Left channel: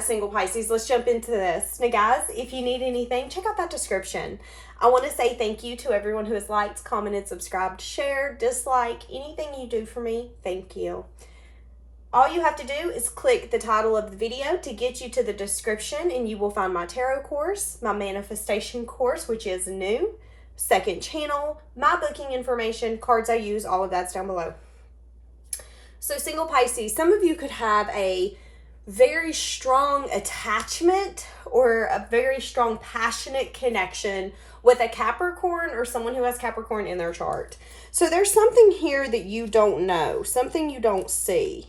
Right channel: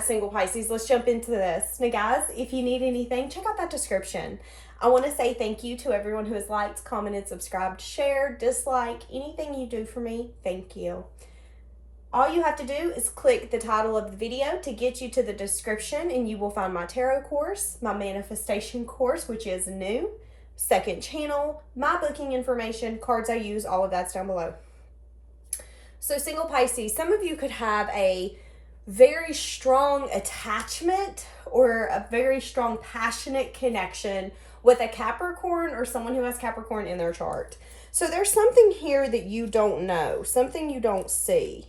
that, single Pisces, let's jump into this. Now, guys, if you need anything, check out that description. I want to say thank you to everyone who has liked, commented, subscribed, shared, disliked, anything you do for me. Thank you. All you have to do is click the title of the video to get you to the description, and you will find my tarot course, my manifestation course, which is new, second channel, my booking information, cards I use, all of that's down below. So single Pisces, some of you could have a very strong attachment or a very strong passionate connection with a Capricorn or someone who has Capricorn in their chart. So there's something here that you don't know, something you don't see.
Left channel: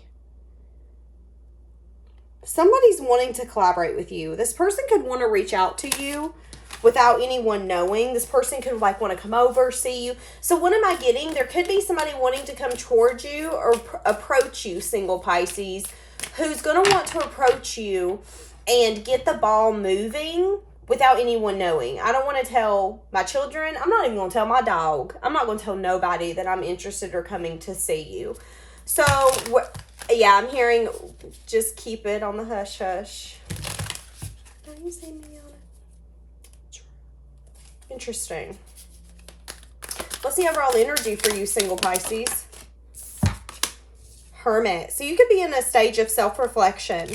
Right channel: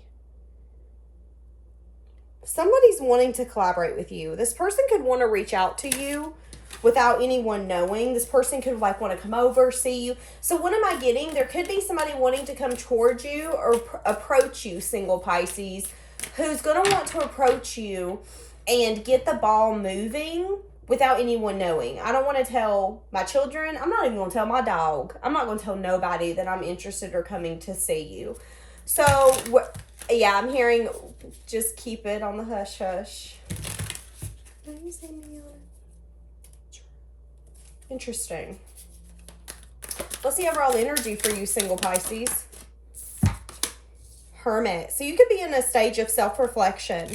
Somebody's wanting to collaborate with you. This person could want to reach out to you without anyone knowing. This person could like want to come over, see you. So what am I getting? There could be somebody wanting to come towards you or approach you, single Pisces, who's going to want to approach you and get the ball moving without anyone knowing. I don't want to tell my children. I'm not even going to tell my dog. I'm not going to tell nobody that I'm interested or coming to see you. So, yeah, I'm hearing just keep it on the hush hush. Don't you see me on it? Interesting. Let's see overall energy for you, single Pisces. Hermit. So you could be in a stage of self-reflection.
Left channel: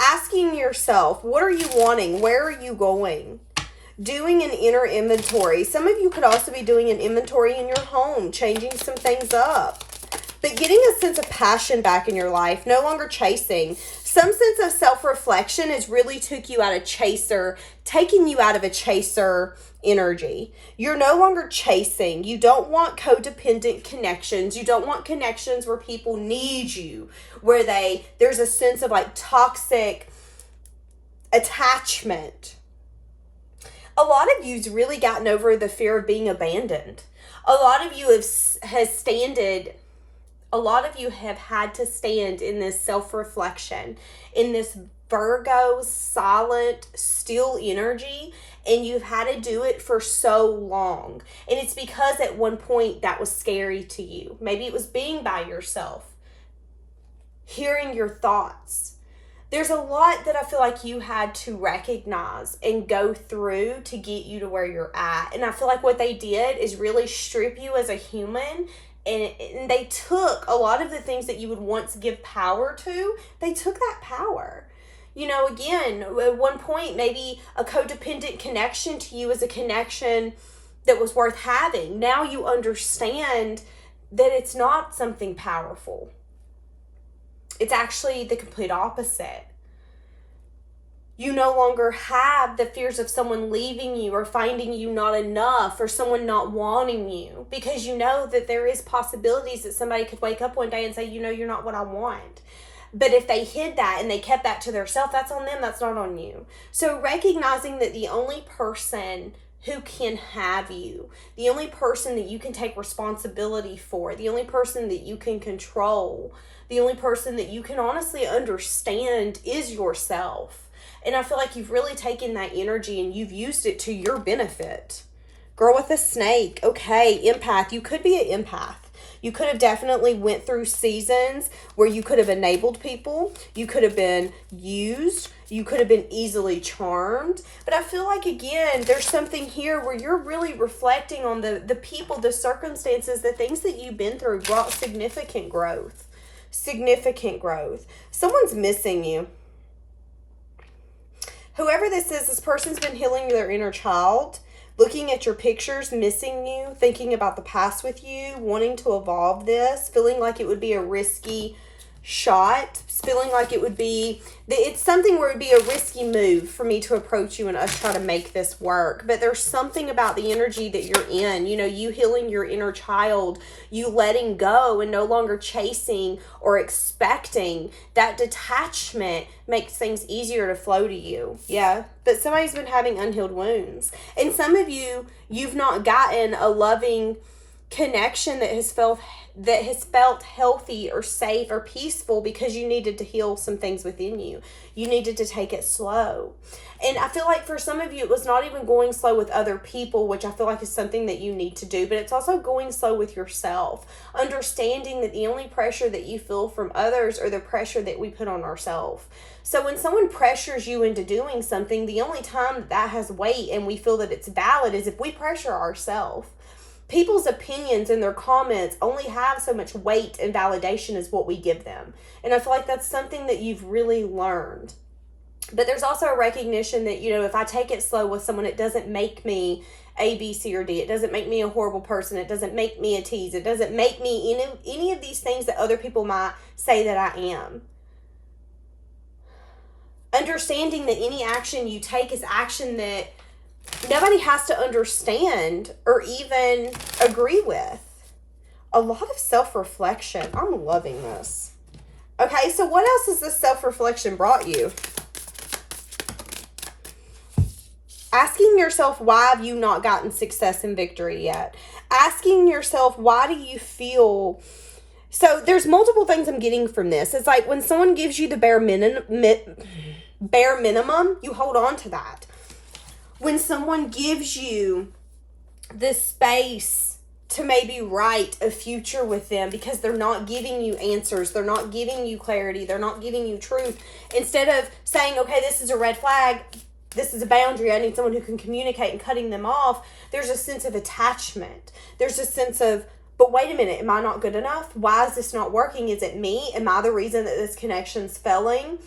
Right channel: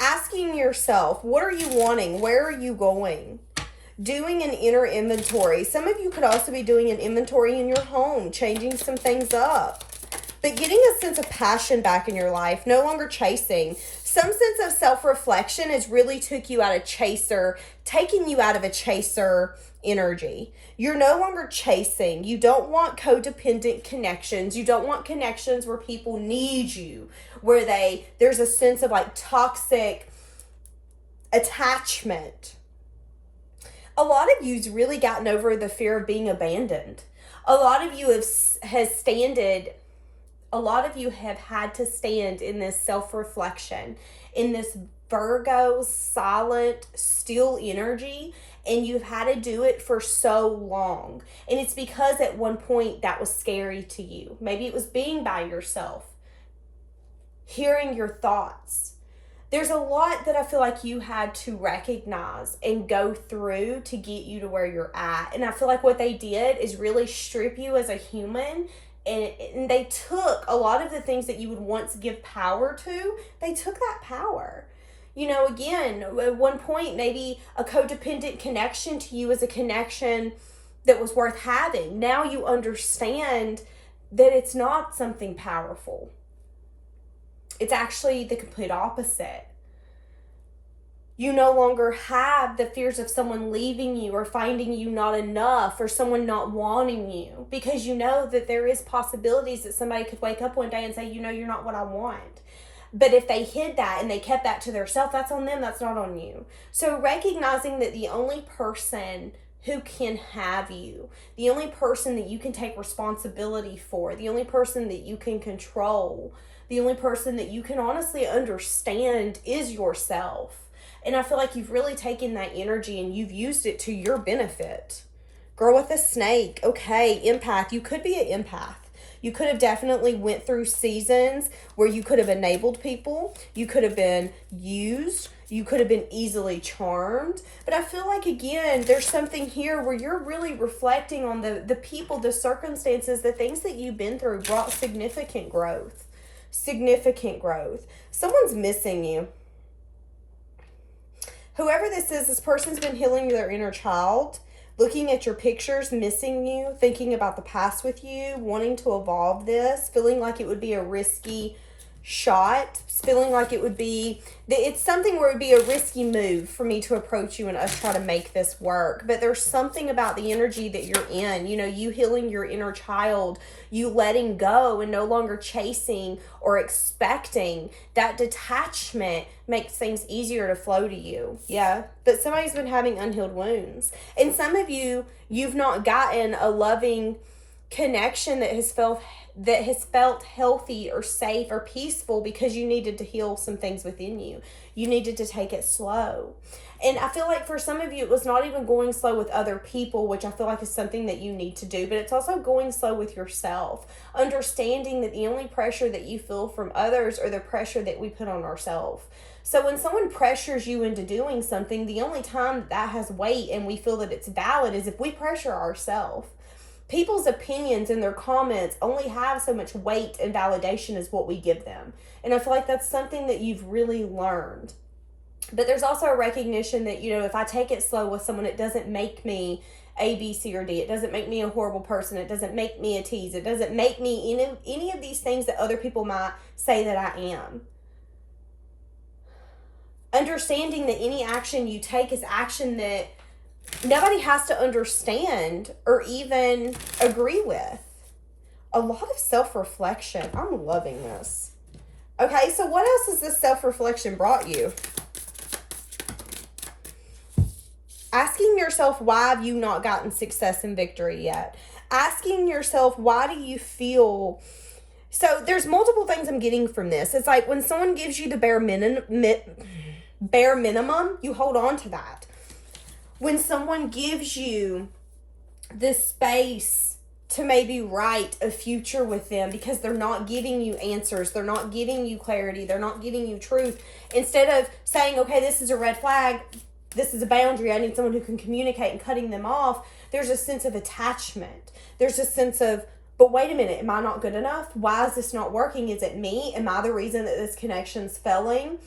Asking yourself, what are you wanting? Where are you going? Doing an inner inventory. Some of you could also be doing an inventory in your home, changing some things up. But getting a sense of passion back in your life, no longer chasing. Some sense of self-reflection has really took you out of chaser, taking you out of a chaser energy. You're no longer chasing. You don't want codependent connections. You don't want connections where people need you, where there's a sense of like toxic attachment. A lot of you's really gotten over the fear of being abandoned. A lot of you have had to stand in this self-reflection, in this Virgo, silent, still energy, and you've had to do it for so long. And it's because at one point that was scary to you. Maybe it was being by yourself, hearing your thoughts. There's a lot that I feel like you had to recognize and go through to get you to where you're at. And I feel like what they did is really strip you as a human. And they took a lot of the things that you would once give power to, they took that power. You know, again, at one point, maybe a codependent connection to you is a connection that was worth having. Now you understand that it's not something powerful. It's actually the complete opposite. You no longer have the fears of someone leaving you or finding you not enough or someone not wanting you, because you know that there is possibilities that somebody could wake up one day and say, you know, you're not what I want. But if they hid that and they kept that to themselves, that's on them, that's not on you. So recognizing that the only person who can have you, the only person that you can take responsibility for, the only person that you can control, the only person that you can honestly understand is yourself. And I feel like you've really taken that energy and you've used it to your benefit. Girl with a snake. Okay, empath. You could be an empath. You could have definitely went through seasons where you could have enabled people. You could have been used. You could have been easily charmed. But I feel like, again, there's something here where you're really reflecting on the people, the circumstances, the things that you've been through brought significant growth. Significant growth. Someone's missing you. Whoever this is, this person's been healing their inner child, looking at your pictures, missing you, thinking about the past with you, wanting to evolve this, feeling like it would be a risky shot, feeling like it's something where it would be a risky move for me to approach you and us try to make this work. But there's something about the energy that you're in, you know, you healing your inner child, you letting go and no longer chasing or expecting. That detachment makes things easier to flow to you. Yeah. But somebody's been having unhealed wounds. And some of you, you've not gotten a loving connection that has felt healthy or safe or peaceful because you needed to heal some things within you. You needed to take it slow. And I feel like for some of you, it was not even going slow with other people, which I feel like is something that you need to do, but it's also going slow with yourself. Understanding that the only pressure that you feel from others are the pressure that we put on ourselves. So when someone pressures you into doing something, the only time that has weight and we feel that it's valid is if we pressure ourselves. People's opinions and their comments only have so much weight and validation as what we give them. And I feel like that's something that you've really learned. But there's also a recognition that, you know, if I take it slow with someone, it doesn't make me A, B, C, or D. It doesn't make me a horrible person. It doesn't make me a tease. It doesn't make me any of these things that other people might say that I am. Understanding that any action you take is action that nobody has to understand or even agree with. A lot of self-reflection. I'm loving this. Okay, so what else has this self-reflection brought you? Asking yourself, why have you not gotten success and victory yet? Asking yourself, why do you feel... So there's multiple things I'm getting from this. It's like when someone gives you the bare minimum, you hold on to that. When someone gives you the space to maybe write a future with them because they're not giving you answers, they're not giving you clarity, they're not giving you truth. Instead of saying, okay, this is a red flag, this is a boundary, I need someone who can communicate, and cutting them off, there's a sense of attachment. There's a sense of, but wait a minute, am I not good enough? Why is this not working? Is it me? Am I the reason that this connection's failing?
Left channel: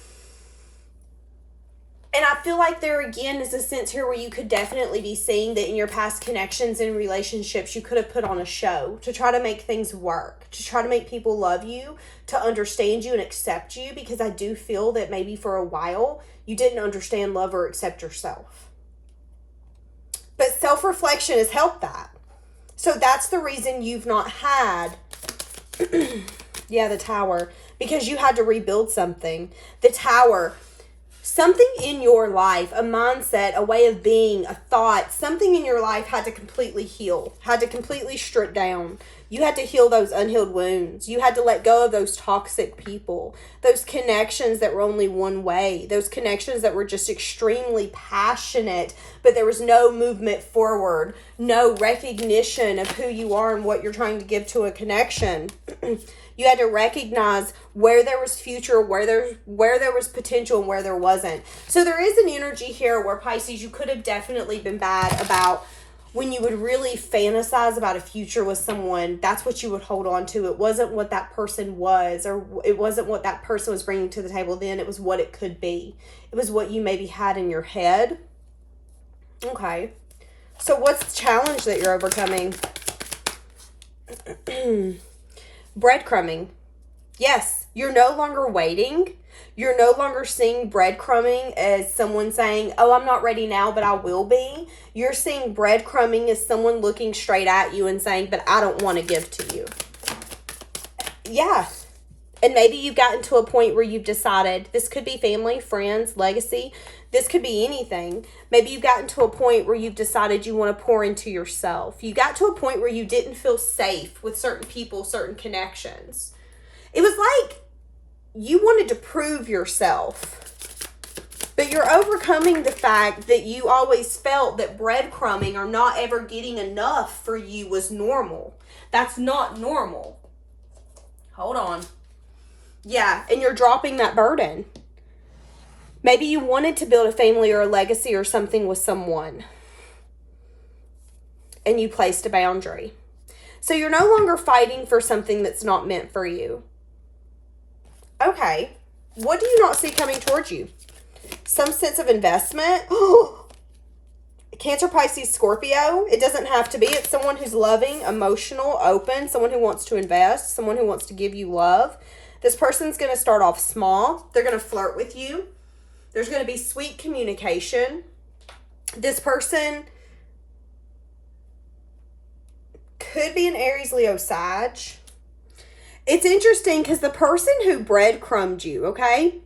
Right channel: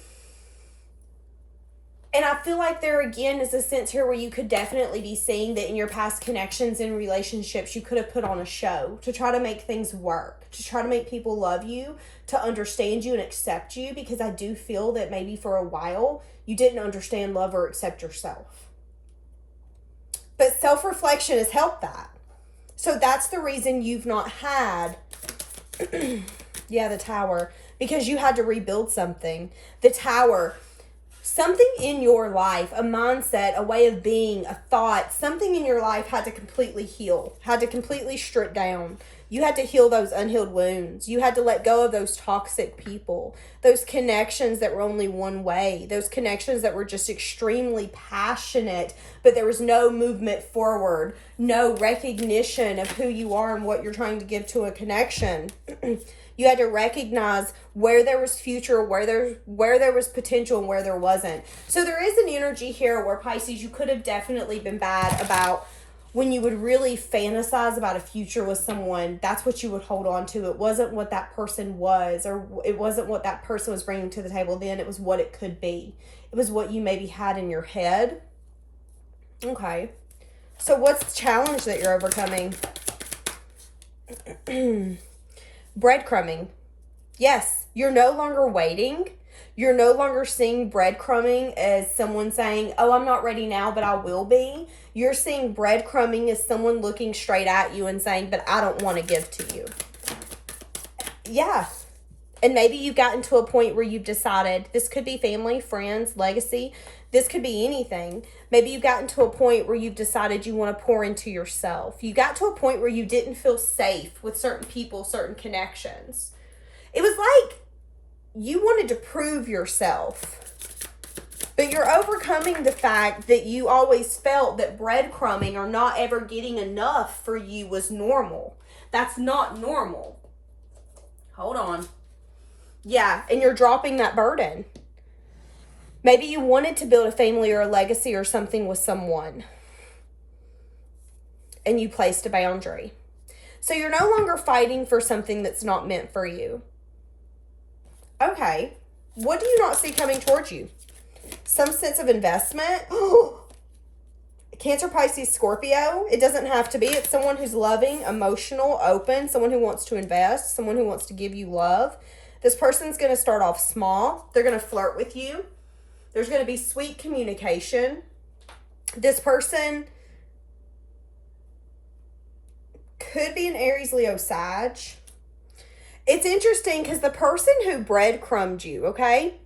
And I feel like there again is a sense here where you could definitely be seeing that in your past connections and relationships, you could have put on a show to try to make things work, to try to make people love you, to understand you and accept you, because I do feel that maybe for a while you didn't understand, love, or accept yourself. But self-reflection has helped that. So that's the reason you've not had, the Tower, because you had to rebuild something. The Tower, something in your life, a mindset, a way of being, a thought, something in your life had to completely heal, had to completely strip down. You had to heal those unhealed wounds. You had to let go of those toxic people, those connections that were only one way, those connections that were just extremely passionate, but there was no movement forward, no recognition of who you are and what you're trying to give to a connection. You had to recognize where there was future, where there was potential, and where there wasn't. So there is an energy here where, Pisces, you could have definitely been bad about when you would really fantasize about a future with someone. That's what you would hold on to. It wasn't what that person was, or it wasn't what that person was bringing to the table then. It was what it could be. It was what you maybe had in your head. Okay. So what's the challenge that you're overcoming? Breadcrumbing. Yes, you're no longer waiting. You're no longer seeing breadcrumbing as someone saying, oh, I'm not ready now, but I will be. You're seeing breadcrumbing as someone looking straight at you and saying, but I don't want to give to you. Yeah. And maybe you've gotten to a point where you've decided, this could be family, friends, legacy. This could be anything. Maybe you've gotten to a point where you've decided you want to pour into yourself. You got to a point where you didn't feel safe with certain people, certain connections. It was like you wanted to prove yourself. But you're overcoming the fact that you always felt that breadcrumbing or not ever getting enough for you was normal. That's not normal. Hold on. Yeah, and you're dropping that burden. Maybe you wanted to build a family or a legacy or something with someone, and you placed a boundary. So you're no longer fighting for something that's not meant for you. Okay, what do you not see coming towards you? Some sense of investment. Cancer, Pisces, Scorpio. It doesn't have to be. It's someone who's loving, emotional, open, someone who wants to invest, someone who wants to give you love. This person's going to start off small. They're going to flirt with you. There's going to be sweet communication. This person could be an Aries, Leo, Sag. It's interesting because the person who breadcrumbed you, okay?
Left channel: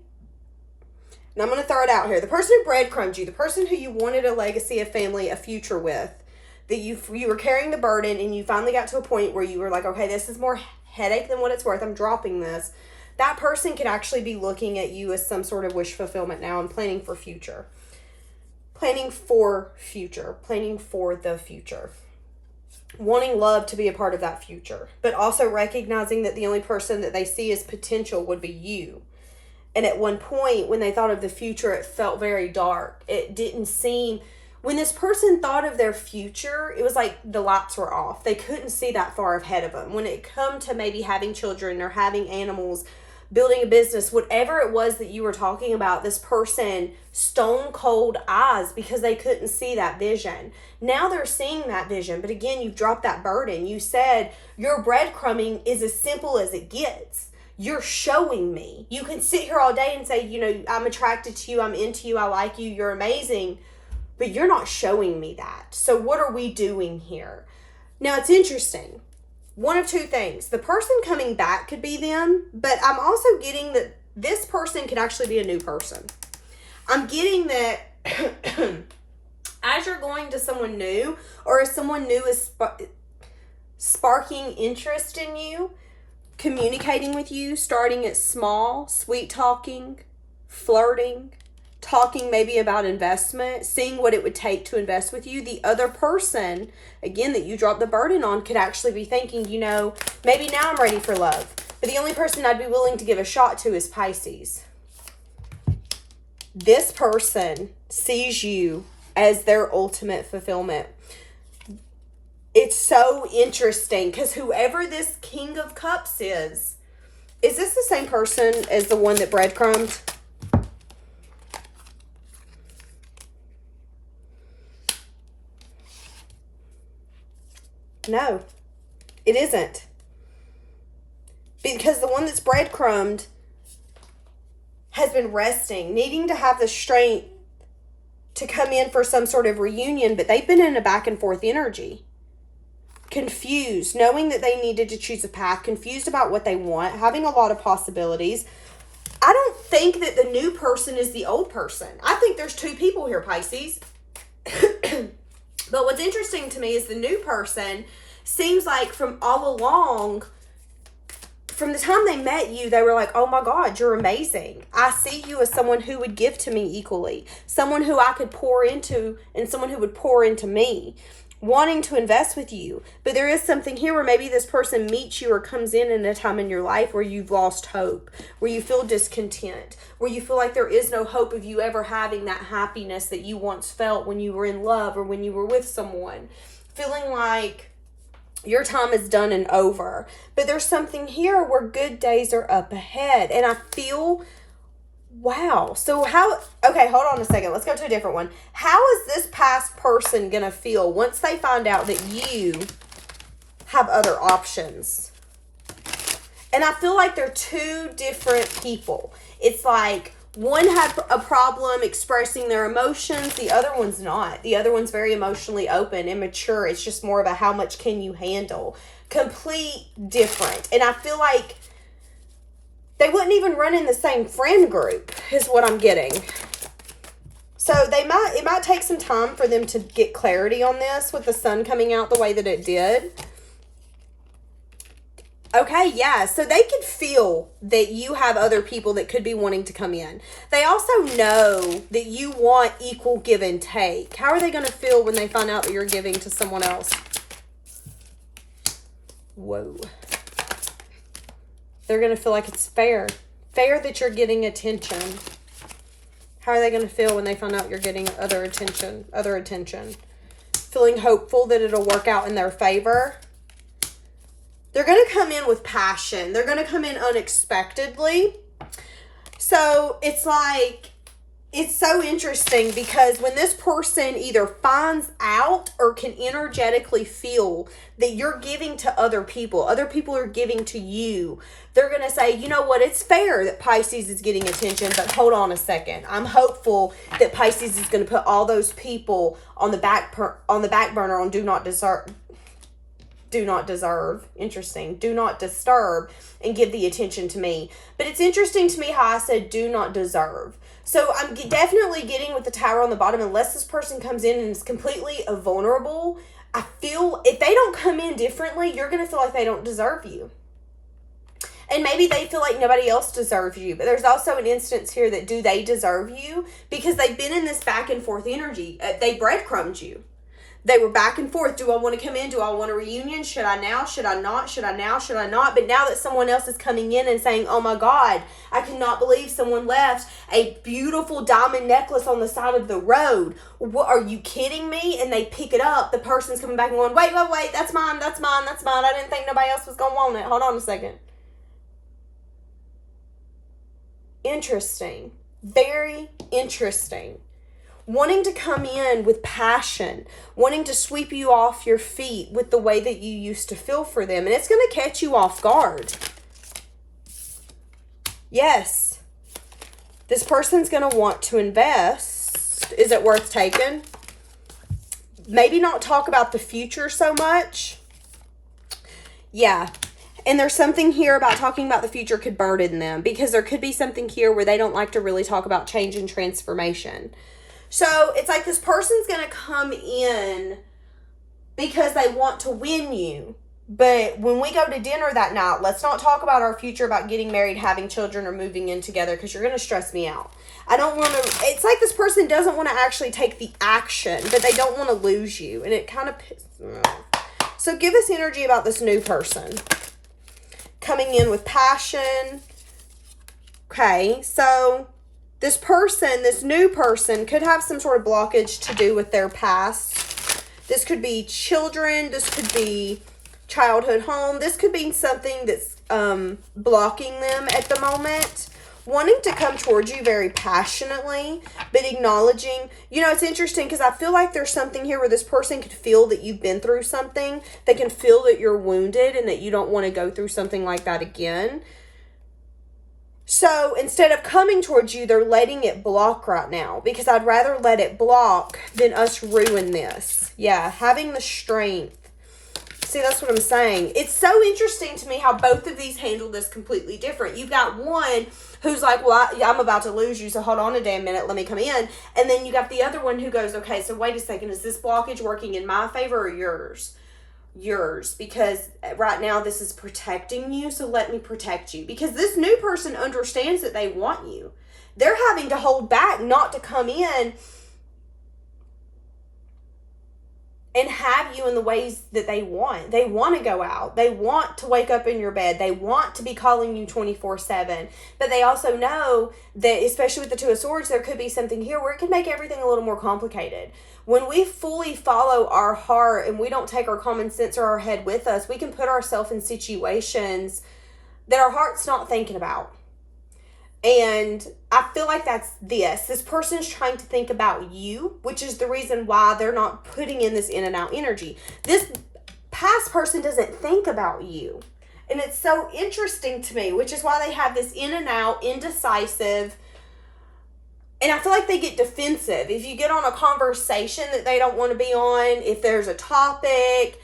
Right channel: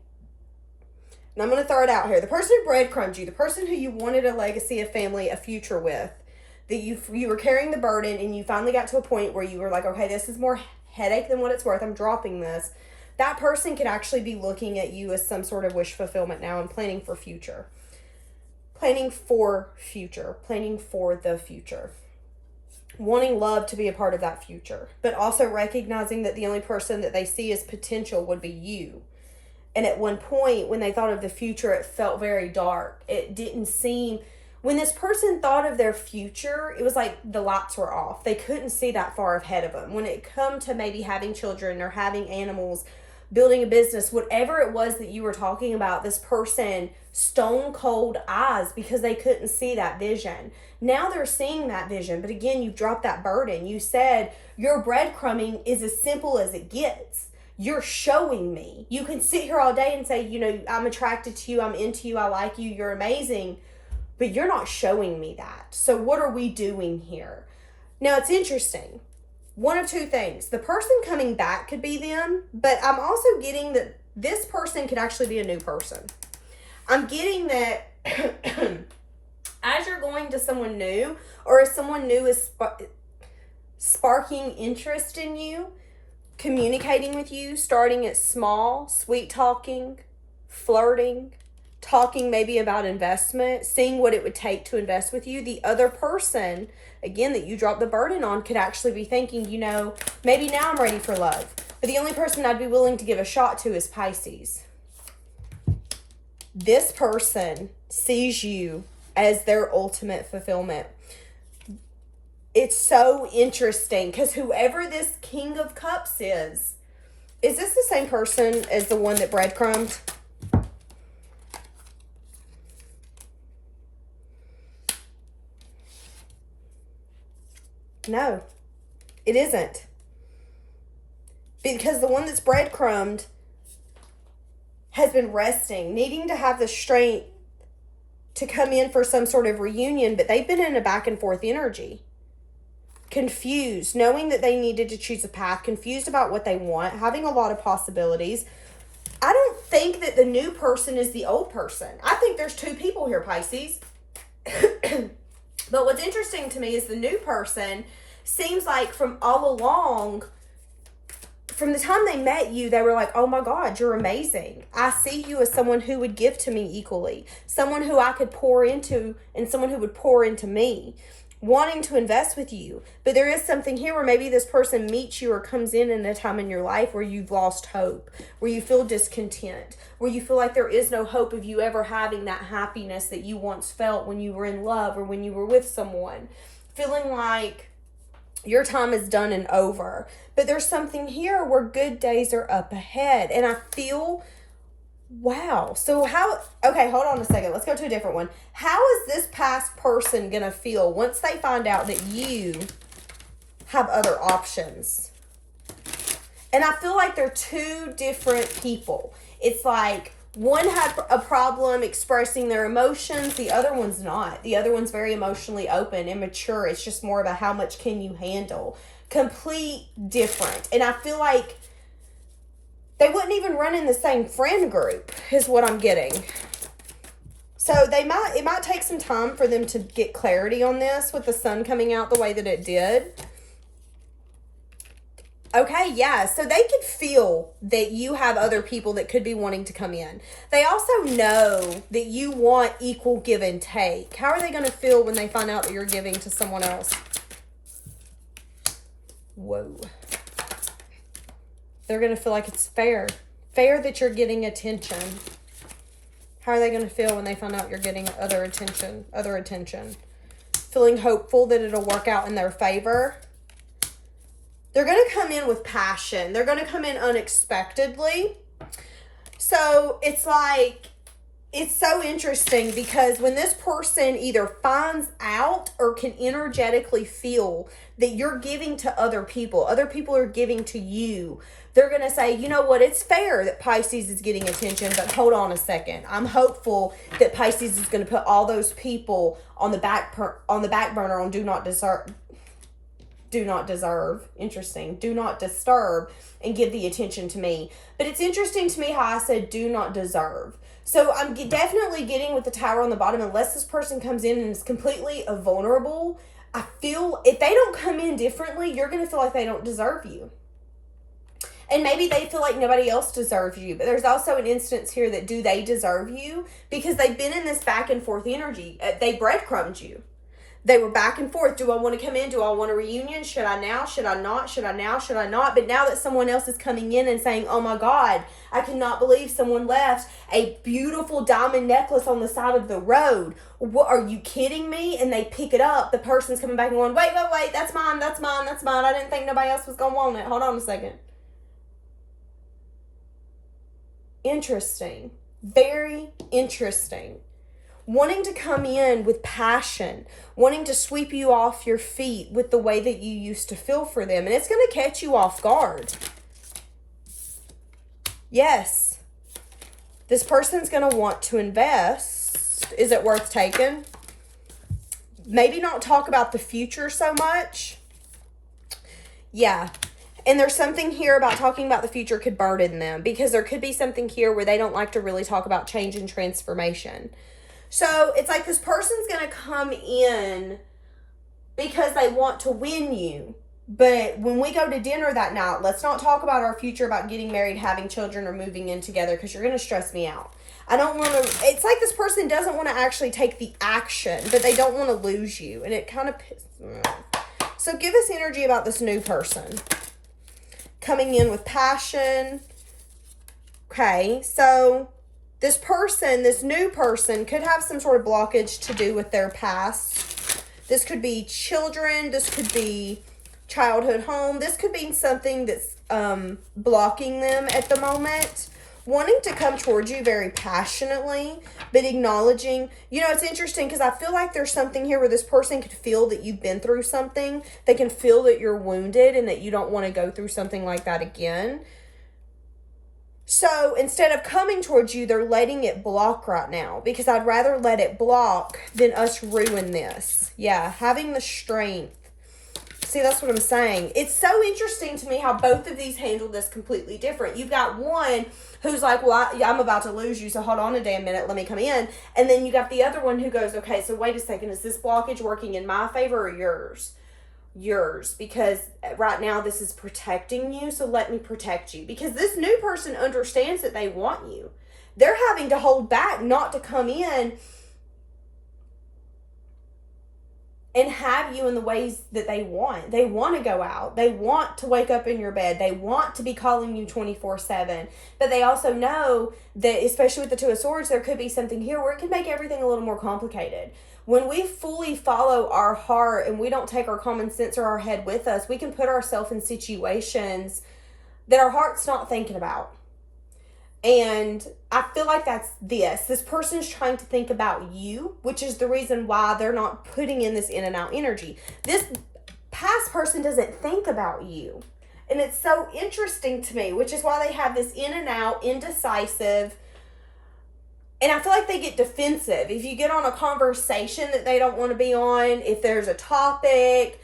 And I'm going to throw it out here. The person who breadcrumbed you, the person who you wanted a legacy, a family, a future with, that you were carrying the burden, and you finally got to a point where you were like, okay, this is more headache than what it's worth. I'm dropping this. That person could actually be looking at you as some sort of wish fulfillment now and planning for future. Planning for the future. Wanting love to be a part of that future, but also recognizing that the only person that they see as potential would be you. And at one point, when they thought of the future, it felt very dark. It didn't seem, when this person thought of their future, it was like the lights were off. They couldn't see that far ahead of them. When it come to maybe having children or having animals, building a business, whatever it was that you were talking about, this person stone cold eyes because they couldn't see that vision. Now they're seeing that vision, but again, you've dropped that burden. You said your breadcrumbing is as simple as it gets. You're showing me. You can sit here all day and say, you know, I'm attracted to you, I'm into you, I like you, you're amazing, but you're not showing me that. So what are we doing here? Now it's interesting. One of two things. The person coming back could be them, but I'm also getting that this person could actually be a new person. I'm getting that as you're going to someone new, or as someone new is sparking interest in you, communicating with you, starting at small, sweet talking, flirting, talking maybe about investment, seeing what it would take to invest with you. The other person, again, that you drop the burden on, could actually be thinking, you know, maybe now I'm ready for love. But the only person I'd be willing to give a shot to is Pisces. This person sees you as their ultimate fulfillment. It's so interesting because whoever this King of Cups is this the same person as the one that breadcrumbed? No, it isn't. Because the one that's breadcrumbed has been resting, needing to have the strength to come in for some sort of reunion, but they've been in a back and forth energy. Confused, knowing that they needed to choose a path, confused about what they want, having a lot of possibilities. I don't think that the new person is the old person. I think there's two people here, Pisces. But what's interesting to me is the new person seems like from all along, from the time they met you, they were like, oh my God, you're amazing. I see you as someone who would give to me equally, someone who I could pour into, and someone who would pour into me, wanting to invest with you. But there is something here where maybe this person meets you or comes in a time in your life where you've lost hope, where you feel discontent, where you feel like there is no hope of you ever having that happiness that you once felt when you were in love or when you were with someone, feeling like your time is done and over. But there's something here where good days are up ahead. And I feel, wow. So okay, hold on a second. Let's go to a different one. How is this past person going to feel once they find out that you have other options? And I feel like they're two different people. It's like one had a problem expressing their emotions. The other one's not. The other one's very emotionally open and mature. It's just more of a how much can you handle. Complete different. And I feel like they wouldn't even run in the same friend group is what I'm getting. So it might take some time for them to get clarity on this with the sun coming out the way that it did. Okay, yeah, so they could feel that you have other people that could be wanting to come in. They also know that you want equal give and take. How are they going to feel when they find out that you're giving to someone else? Whoa. They're going to feel like it's fair. Fair that you're getting attention. How are they going to feel when they find out you're getting other attention? Feeling hopeful that it'll work out in their favor. They're going to come in with passion. They're going to come in unexpectedly. So it's like, it's so interesting because when this person either finds out or can energetically feel that you're giving to other people are giving to you, they're going to say, you know what, it's fair that Pisces is getting attention, but hold on a second. I'm hopeful that Pisces is going to put all those people on the back burner on do not disturb, and give the attention to me. But it's interesting to me how I said do not deserve. So I'm definitely getting with the Tower on the bottom, unless this person comes in and is completely vulnerable, I feel if they don't come in differently, you're going to feel like they don't deserve you. And maybe they feel like nobody else deserves you. But there's also an instance here that do they deserve you? Because they've been in this back and forth energy. They breadcrumbed you. They were back and forth. Do I want to come in? Do I want a reunion? Should I now? Should I not? Should I now? Should I not? But now that someone else is coming in and saying, oh my God, I cannot believe someone left a beautiful diamond necklace on the side of the road. What, are you kidding me? And they pick it up. The person's coming back and going, wait, that's mine, that's mine, that's mine. I didn't think nobody else was going to want it. Hold on a second. Interesting. Very interesting. Wanting to come in with passion, wanting to sweep you off your feet with the way that you used to feel for them. And it's going to catch you off guard. Yes. This person's going to want to invest. Is it worth taking? Maybe not talk about the future so much. Yeah. And there's something here about talking about the future could burden them, because there could be something here where they don't like to really talk about change and transformation. So it's like this person's going to come in because they want to win you. But when we go to dinner that night, let's not talk about our future, about getting married, having children, or moving in together, because you're going to stress me out. I don't want to, it's like this person doesn't want to actually take the action, but they don't want to lose you. And it kind of pisses me off. So give us energy about this new person. Coming in with passion. Okay, so this person, this new person, could have some sort of blockage to do with their past. This could be children. This could be childhood home. This could be something that's blocking them at the moment. Wanting to come towards you very passionately, but acknowledging, you know, it's interesting because I feel like there's something here where this person could feel that you've been through something. They can feel that you're wounded and that you don't want to go through something like that again. So instead of coming towards you, they're letting it block right now, because I'd rather let it block than us ruin this. Yeah, having the strength. See, that's what I'm saying. It's so interesting to me how both of these handle this completely different. You've got one who's like, well, I'm about to lose you, so hold on a damn minute, let me come in. And then you got the other one who goes, okay, so wait a second, is this blockage working in my favor or yours? Yours, because right now this is protecting you, so let me protect you. Because this new person understands that they want you. They're having to hold back not to come in and have you in the ways that they want. They want to go out. They want to wake up in your bed. They want to be calling you 24/7. But they also know that, especially with the Two of Swords, there could be something here where it could make everything a little more complicated. When we fully follow our heart and we don't take our common sense or our head with us, we can put ourselves in situations that our heart's not thinking about. And I feel like that's this. This person's trying to think about you, which is the reason why they're not putting in this in and out energy. This past person doesn't think about you. And it's so interesting to me, which is why they have this in and out, indecisive. And I feel like they get defensive. If you get on a conversation that they don't want to be on, if there's a topic,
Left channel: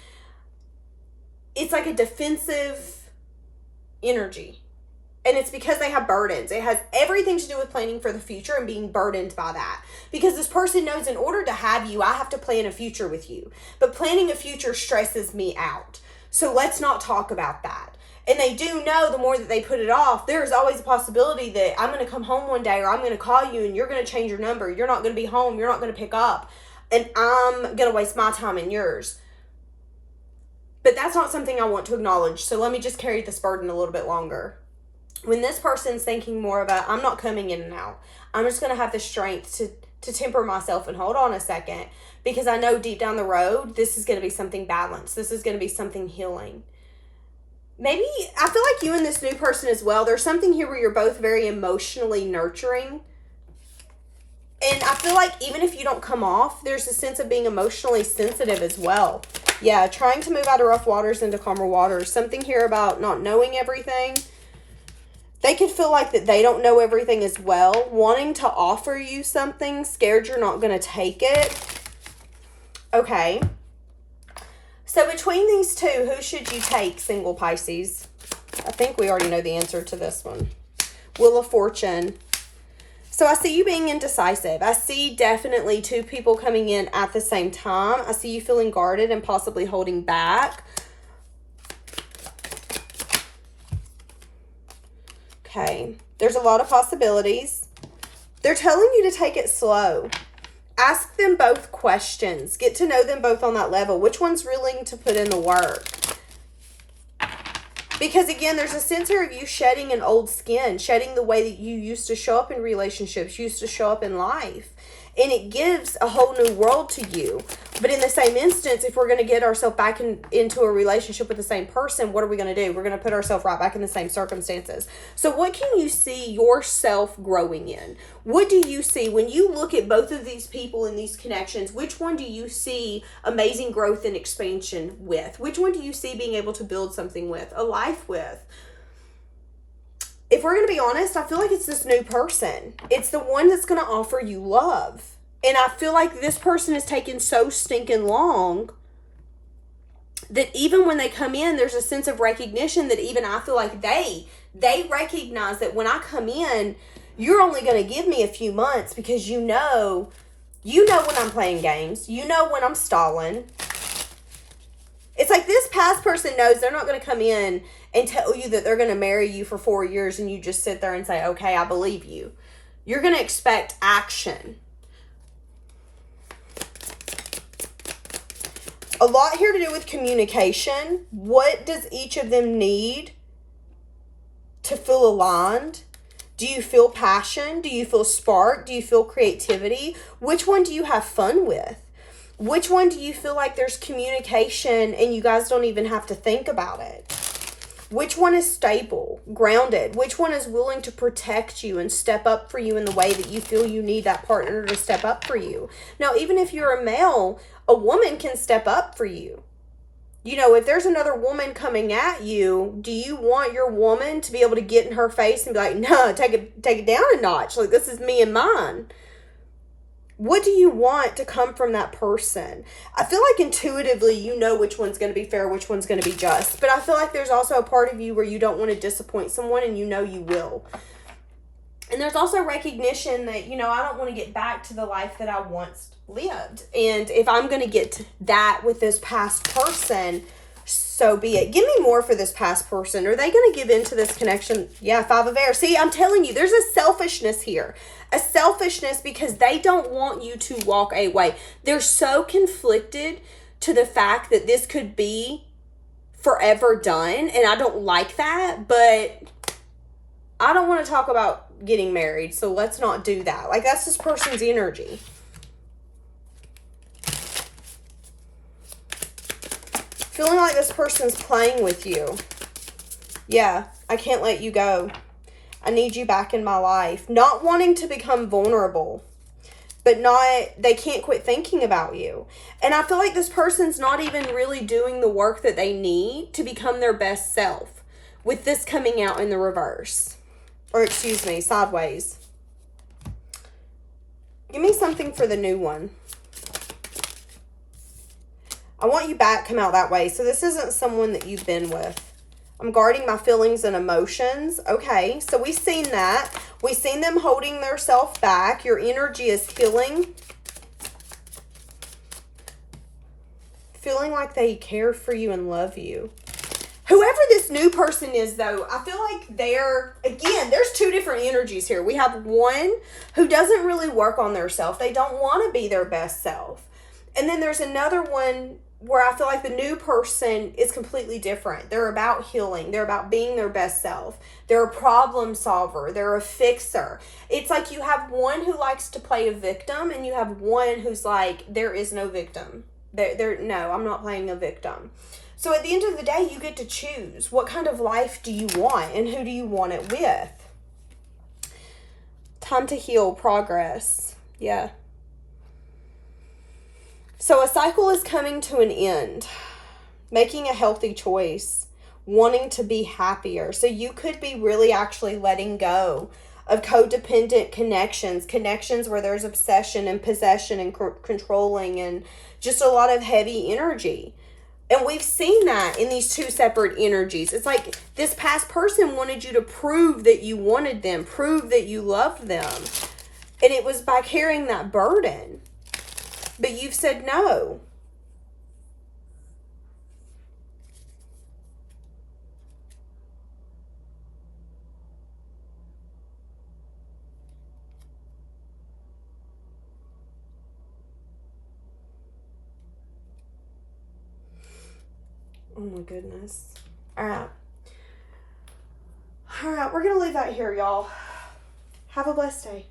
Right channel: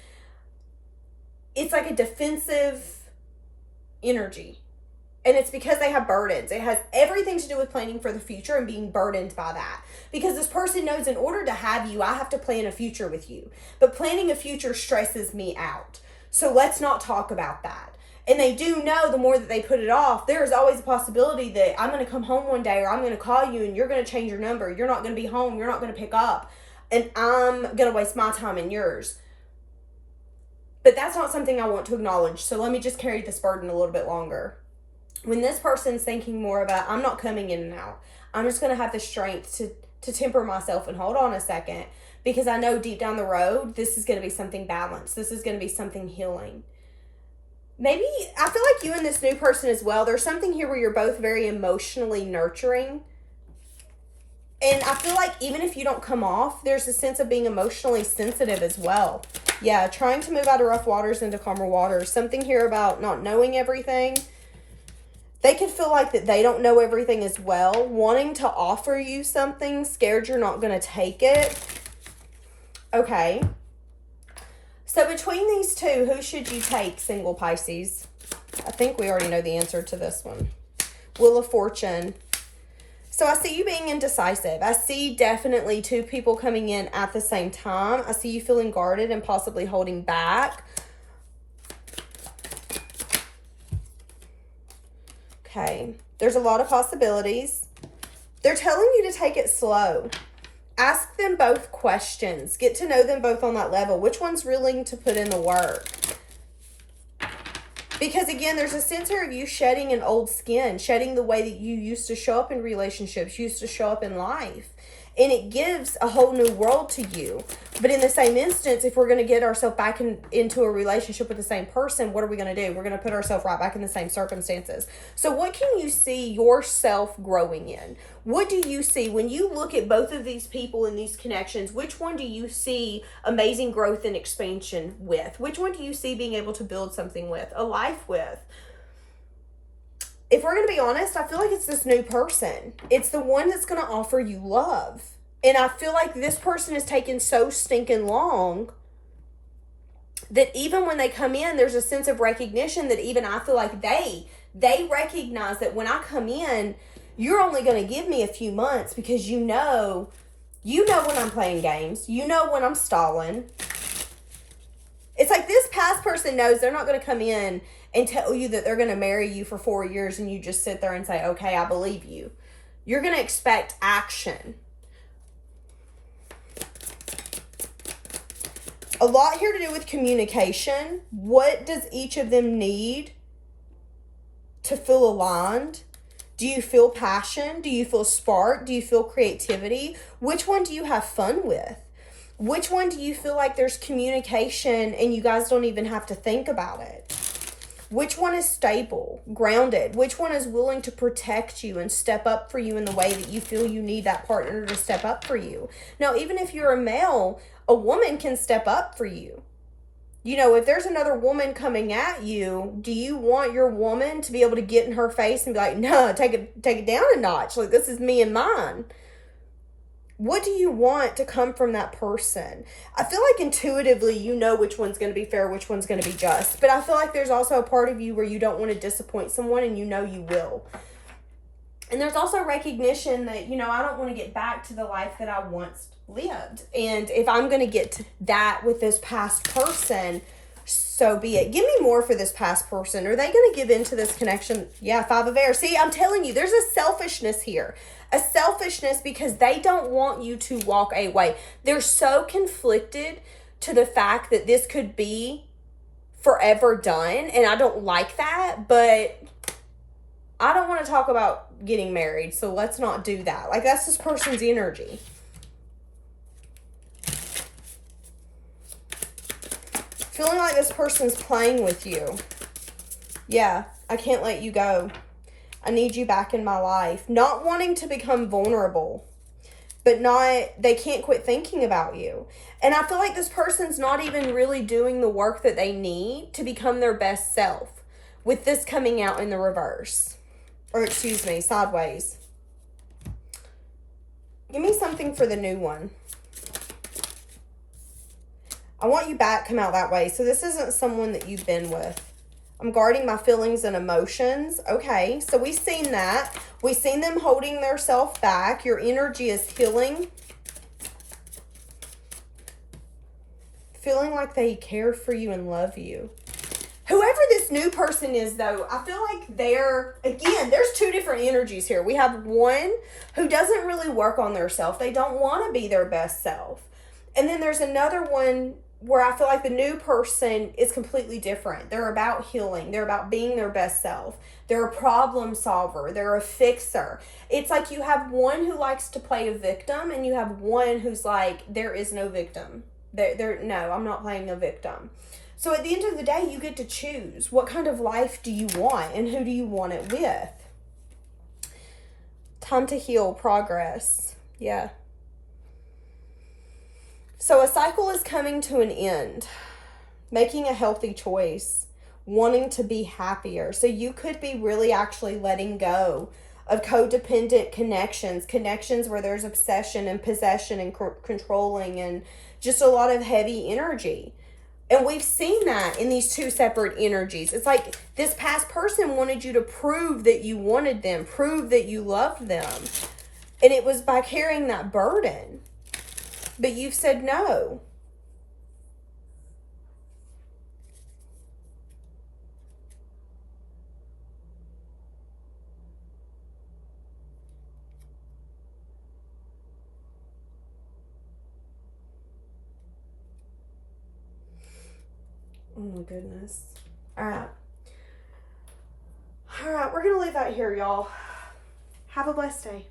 it's like a defensive energy. And it's because they have burdens. It has everything to do with planning for the future and being burdened by that. Because this person knows in order to have you, I have to plan a future with you. But planning a future stresses me out. So let's not talk about that. And they do know the more that they put it off, there's always a possibility that I'm going to come home one day, or I'm going to call you and you're going to change your number. You're not going to be home. You're not going to pick up. And I'm going to waste my time and yours. But that's not something I want to acknowledge. So let me just carry this burden a little bit longer. When this person's thinking more about, I'm not coming in and out. I'm just going to have the strength to temper myself and hold on a second. Because I know deep down the road, this is going to be something balanced. This is going to be something healing. Maybe, I feel like you and this new person as well, there's something here where you're both very emotionally nurturing. And I feel like even if you don't come off, there's a sense of being emotionally sensitive as well. Yeah, trying to move out of rough waters into calmer waters. Something here about not knowing everything. They could feel like that they don't know everything as well. Wanting to offer you something, scared you're not going to take it. Okay. So between these two, who should you take, single Pisces? I think we already know the answer to this one. Wheel of Fortune. So I see you being indecisive. I see definitely two people coming in at the same time. I see you feeling guarded and possibly holding back. Okay. There's a lot of possibilities. They're telling you to take it slow. Ask them both questions. Get to know them both on that level. Which one's willing to put in the work? Because again, there's a sense here of you shedding an old skin, shedding the way that you used to show up in relationships, used to show up in life. And it gives a whole new world to you. But in the same instance, if we're going to get ourselves back into a relationship with the same person, what are we going to do? We're going to put ourselves right back in the same circumstances. So what can you see yourself growing in? What do you see when you look at both of these people and these connections? Which one do you see amazing growth and expansion with? Which one do you see being able to build something with, a life with? If we're going to be honest, I feel like it's this new person. It's the one that's going to offer you love. And I feel like this person is taking so stinking long that even when they come in, there's a sense of recognition that even I feel like they recognize that when I come in, you're only going to give me a few months because you know when I'm playing games. You know when I'm stalling. It's like this past person knows they're not going to come in and tell you that they're going to marry you for 4 years and you just sit there and say, okay, I believe you. You're going to expect action. A lot here to do with communication. What does each of them need to feel aligned? Do you feel passion? Do you feel spark? Do you feel creativity? Which one do you have fun with? Which one do you feel like there's communication and you guys don't even have to think about it? Which one is stable, grounded? Which one is willing to protect you and step up for you in the way that you feel you need that partner to step up for you? Now, even if you're a male, a woman can step up for you. You know, if there's another woman coming at you, do you want your woman to be able to get in her face and be like, no, take it down a notch. Like, this is me and mine. What do you want to come from that person? I feel like intuitively you know which one's going to be fair, which one's going to be just. But I feel like there's also a part of you where you don't want to disappoint someone and you know you will. And there's also recognition that, you know, I don't want to get back to the life that I once lived. And if I'm going to get to that with this past person, so be it. Give me more for this past person. Are they going to give into this connection? Yeah, 5 of air. See, I'm telling you, there's a selfishness here. A selfishness because they don't want you to walk away. They're so conflicted to the fact that this could be forever done. And I don't like that, but I don't want to talk about getting married. So let's not do that. Like, that's this person's energy. Feeling like this person's playing with you. Yeah, I can't let you go. I need you back in my life. Not wanting to become vulnerable, but they can't quit thinking about you. And I feel like this person's not even really doing the work that they need to become their best self, with this coming out in the reverse. Or excuse me, sideways. Give me something for the new one. I want you back, come out that way. So this isn't someone that you've been with. I'm guarding my feelings and emotions. Okay, so we've seen that. We've seen them holding their self back. Your energy is healing. Feeling like they care for you and love you. Whoever this new person is, though, I feel like there's 2 different energies here. We have one who doesn't really work on their self. They don't want to be their best self. And then there's another one where I feel like the new person is completely different. They're about healing. They're about being their best self. They're a problem solver. They're a fixer. It's like you have one who likes to play a victim and you have one who's like, there is no victim. No, I'm not playing a victim. So at the end of the day, you get to choose. What kind of life do you want and who do you want it with? Time to heal, progress. Yeah. So a cycle is coming to an end, making a healthy choice, wanting to be happier. So you could be really actually letting go of codependent connections where there's obsession and possession and controlling and just a lot of heavy energy. And we've seen that in these 2 separate energies. It's like this past person wanted you to prove that you wanted them, prove that you loved them. And it was by carrying that burden. But you've said no. Oh my goodness. All right. All right, we're going to leave that here, y'all. Have a blessed day.